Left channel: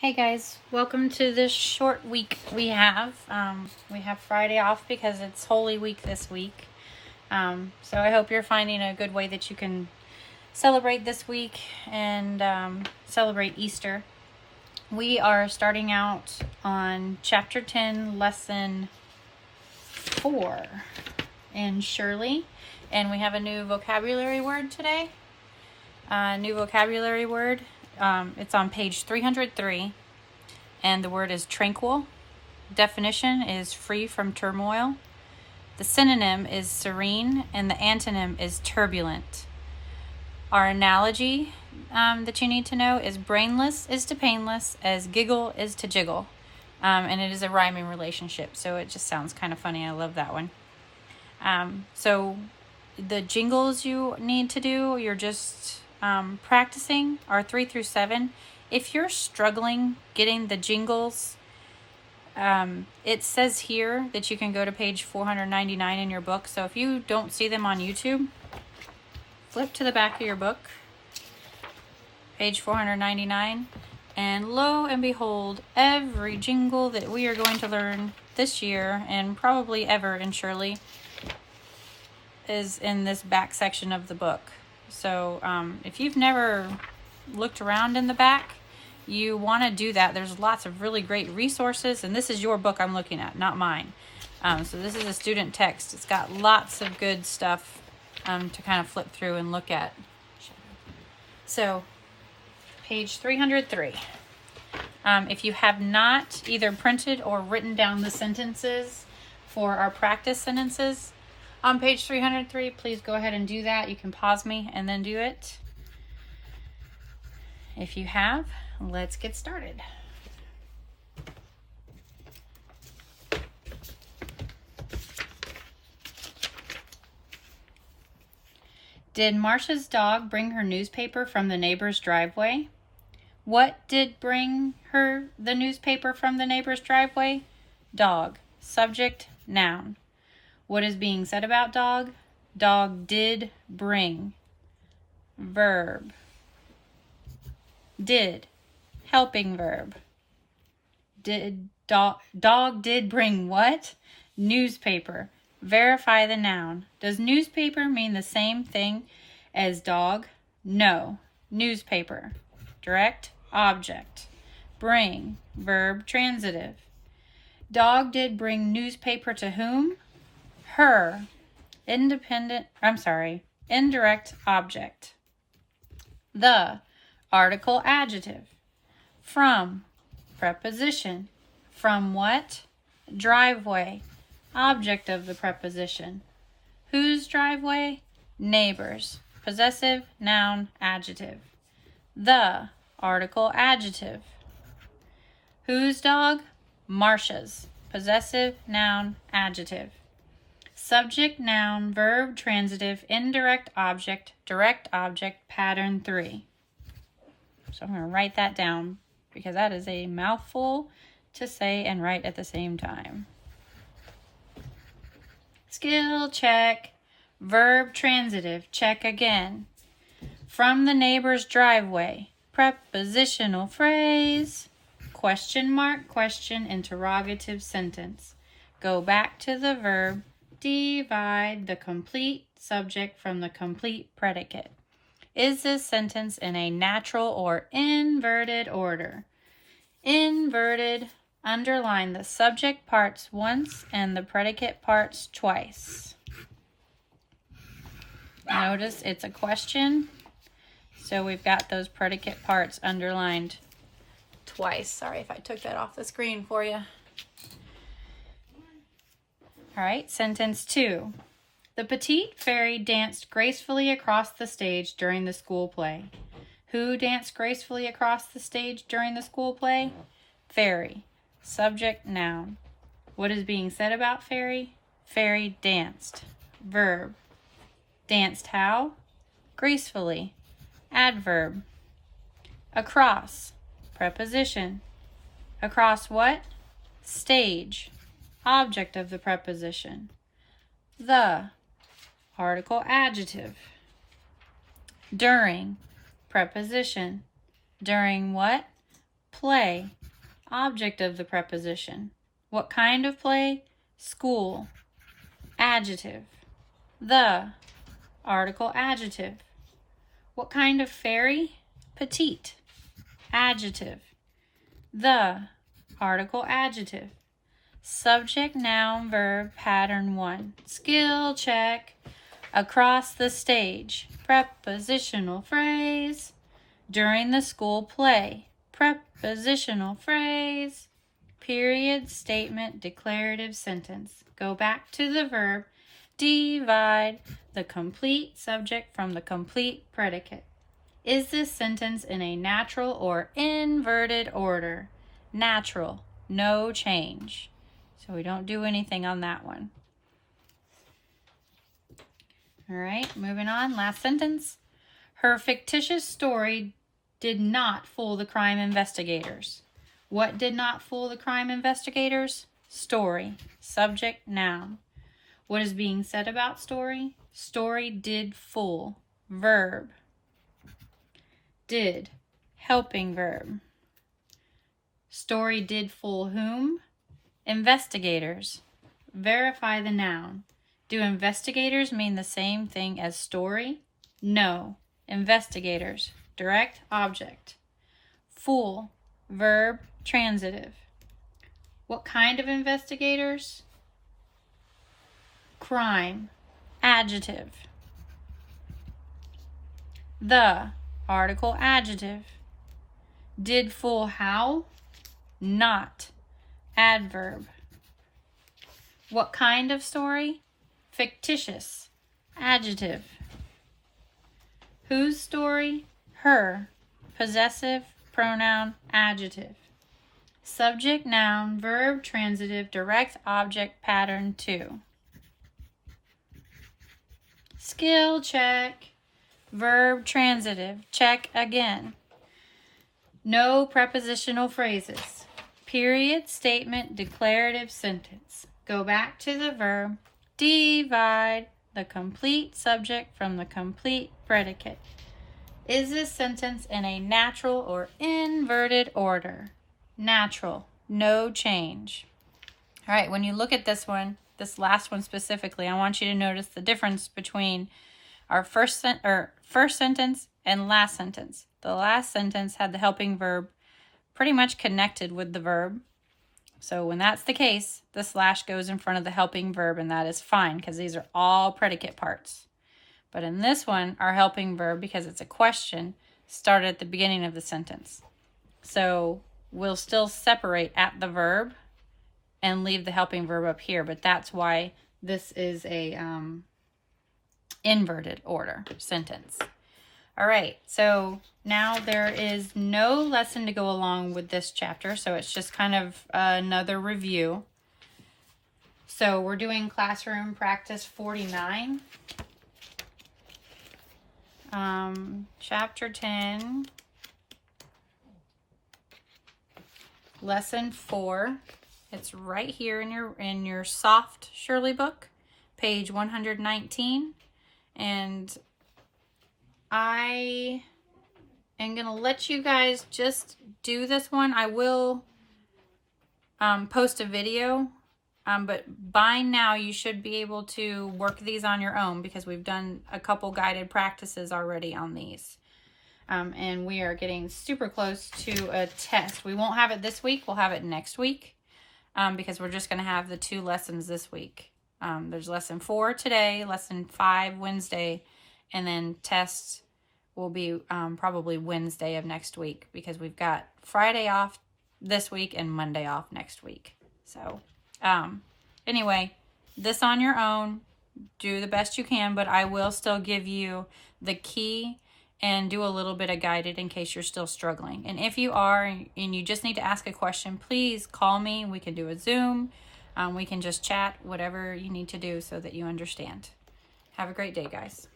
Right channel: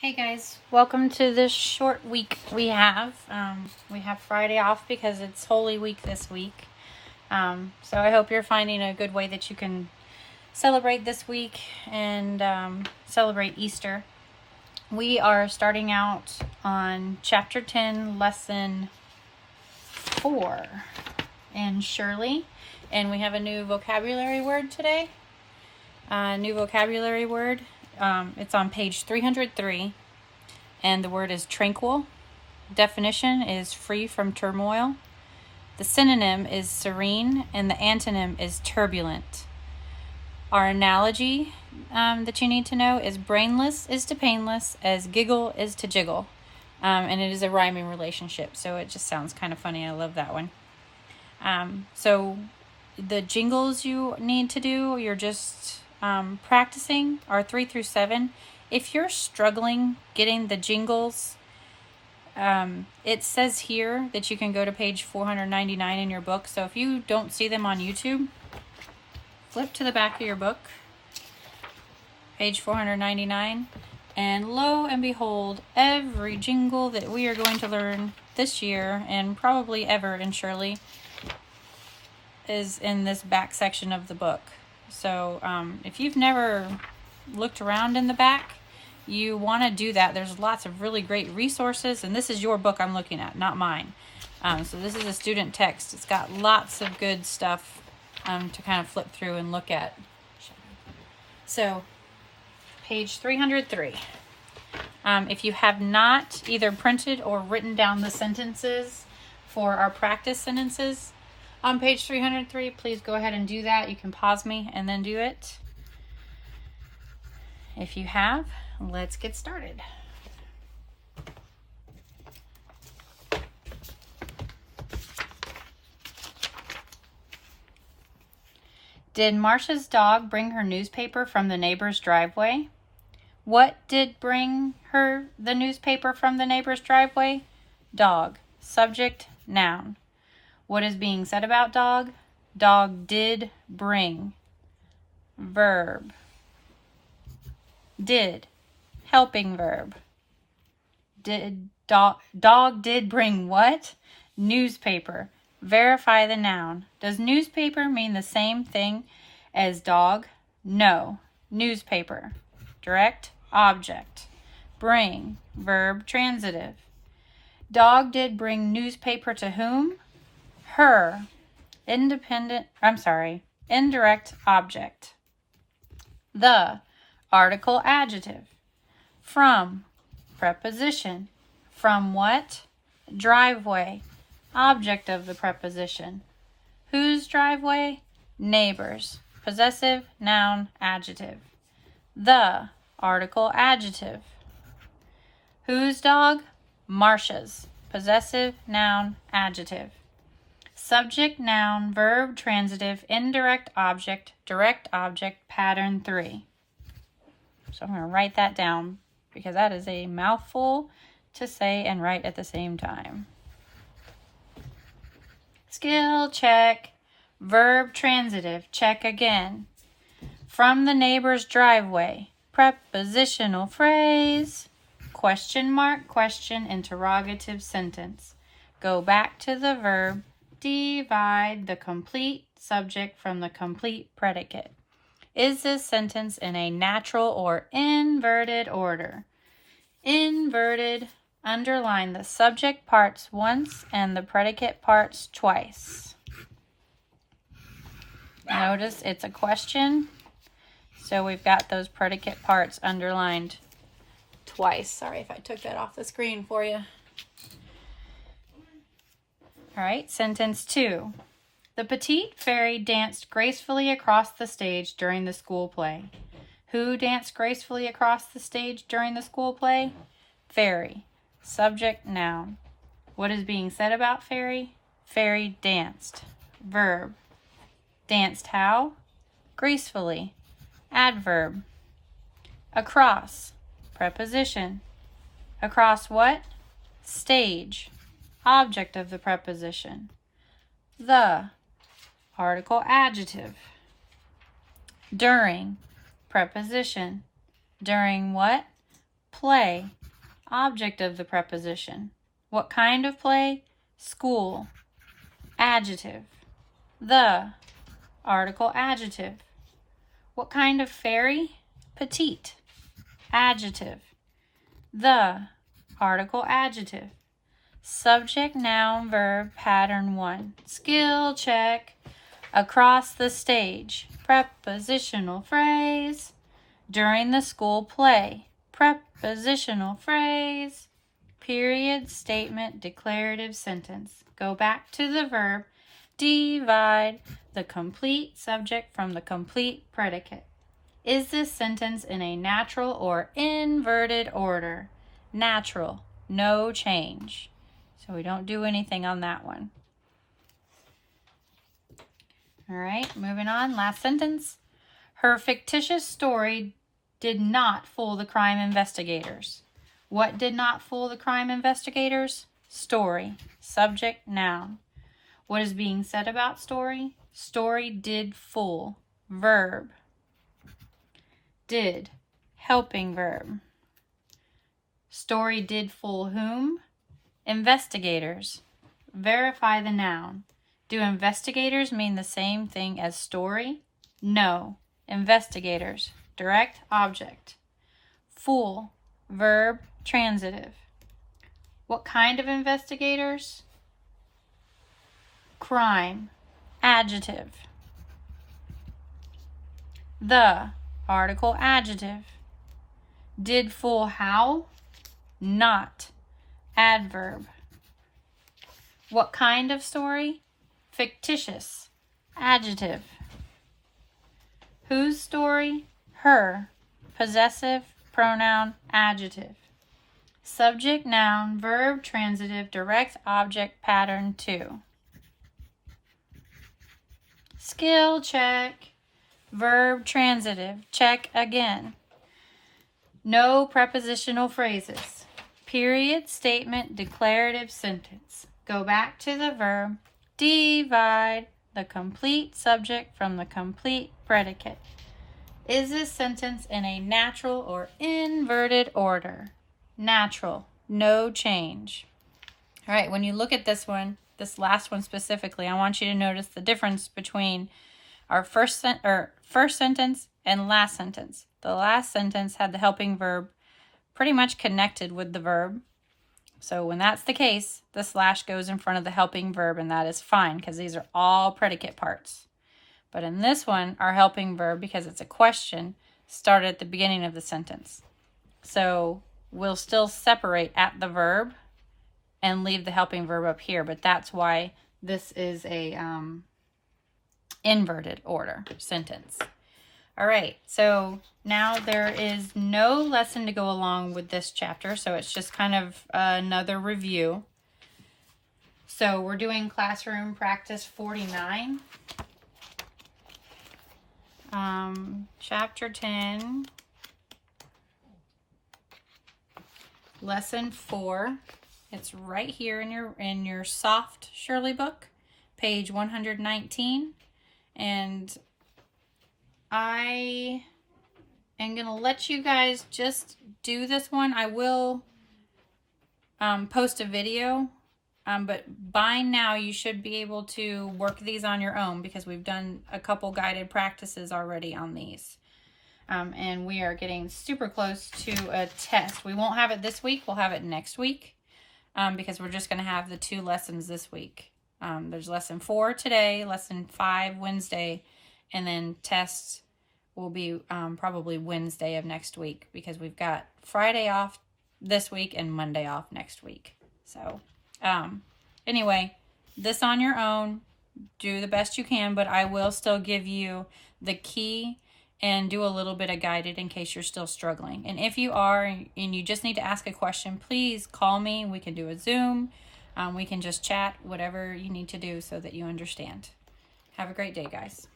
Hey guys, welcome to this short week we have. We have Friday off because it's Holy Week this week. So I hope you're finding a good way that you can celebrate this week and celebrate Easter. We are starting out on Chapter 10, Lesson 4 in Shurley. And we have a new vocabulary word today. New vocabulary word. It's on page 303, and the word is tranquil. Definition is free from turmoil. The synonym is serene, and the antonym is turbulent. Our analogy that you need to know is brainless is to painless as giggle is to jiggle. And it is a rhyming relationship, so it just sounds kind of funny. I love that one. So the jingles you need to do, you're just practicing, are 3 through 7. If you're struggling getting the jingles, it says here that you can go to page 499 in your book. So if you don't see them on YouTube, flip to the back of your book, page 499, and lo and behold, every jingle that we are going to learn this year and probably ever in Shurley is in this back section of the book. So if you've never looked around in the back, you want to do that. There's lots of really great resources, and this is your book I'm looking at, not mine. So this is a student text. It's got lots of good stuff to kind of flip through and look at. So page 303. If you have not either printed or written down the sentences for our practice sentences on page 303, please go ahead and do that. You can pause me and then do it. If you have, let's get started. Did Marcia's dog bring her newspaper from the neighbor's driveway? What did bring her the newspaper from the neighbor's driveway? Dog. Subject, noun. What is being said about dog? Dog did bring. Verb. Did. Helping verb. Dog did bring what? Newspaper. Verify the noun. Does newspaper mean the same thing as dog? No. Newspaper. Direct object. Bring. Verb transitive. Dog did bring newspaper to whom? Her. Indirect object. The. Article adjective. From. Preposition. From what? Driveway. Object of the preposition. Whose driveway? Neighbor's. Possessive, noun, adjective. The. Article adjective. Whose dog? Marcia's. Possessive, noun, adjective. Subject, noun, verb, transitive, indirect object, direct object, pattern 3. So I'm going to write that down because that is a mouthful to say and write at the same time. Skill check. Verb transitive. Check again. From the neighbor's driveway. Prepositional phrase. Question mark, question, interrogative sentence. Go back to the verb. Divide the complete subject from the complete predicate. Is this sentence in a natural or inverted order? Inverted. Underline the subject parts once and the predicate parts twice. Notice it's a question, so we've got those predicate parts underlined twice. Sorry if I took that off the screen for you. All right, sentence 2. The petite fairy danced gracefully across the stage during the school play. Who danced gracefully across the stage during the school play? Fairy. Subject, noun. What is being said about fairy? Fairy danced. Verb. Danced how? Gracefully. Adverb. Across. Preposition. Across what? Stage. Object of the preposition. The. Article adjective. During. Preposition. During what? Play. Object of the preposition. What kind of play? School. Adjective. The. Article adjective. What kind of fairy? Petite. Adjective. The. Article adjective. Subject, noun, verb, pattern 1. Skill check. Across the stage. Prepositional phrase. During the school play. Prepositional phrase. Period, statement, declarative sentence. Go back to the verb. Divide the complete subject from the complete predicate. Is this sentence in a natural or inverted order? Natural, no change. So we don't do anything on that one. All right, moving on. Last sentence. Her fictitious story did not fool the crime investigators. What did not fool the crime investigators? Story. Subject, noun. What is being said about story? Story did fool. Verb. Did. Helping verb. Story did fool whom? Investigators. Verify the noun. Do investigators mean the same thing as story? No. Investigators. Direct object. Fool. Verb. Transitive. What kind of investigators? Crime. Adjective. The. Article adjective. Did fool how? Not. Adverb. What kind of story? Fictitious. Adjective. Whose story? Her. Possessive, pronoun, adjective. Subject, noun, verb, transitive, direct object, pattern 2. Skill check. Verb, transitive. Check again. No prepositional phrases. Period, statement, declarative sentence. Go back to the verb. Divide the complete subject from the complete predicate. Is this sentence in a natural or inverted order? Natural. No change. All right, when you look at this one, this last one specifically, I want you to notice the difference between our first sentence and last sentence. The last sentence had the helping verb pretty much connected with the verb. So when that's the case, the slash goes in front of the helping verb, and that is fine because these are all predicate parts. But in this one, our helping verb, because it's a question, started at the beginning of the sentence. So we'll still separate at the verb and leave the helping verb up here, but that's why this is a inverted order sentence. All right, so now there is no lesson to go along with this chapter, so it's just kind of another review. So we're doing classroom practice 49. Chapter 10, lesson 4. It's right here in your soft Shurley book, page 119. And I am going to let you guys just do this one. I will post a video, but by now you should be able to work these on your own because we've done a couple guided practices already on these. And we are getting super close to a test. We won't have it this week. We'll have it next week because we're just going to have the 2 lessons this week. There's lesson 4 today, lesson 5 Wednesday, and then tests will be probably Wednesday of next week because we've got Friday off this week and Monday off next week. So anyway, this on your own, do the best you can, but I will still give you the key and do a little bit of guided in case you're still struggling. And if you are and you just need to ask a question, please call me. We can do a Zoom. We can just chat, whatever you need to do so that you understand. Have a great day, guys.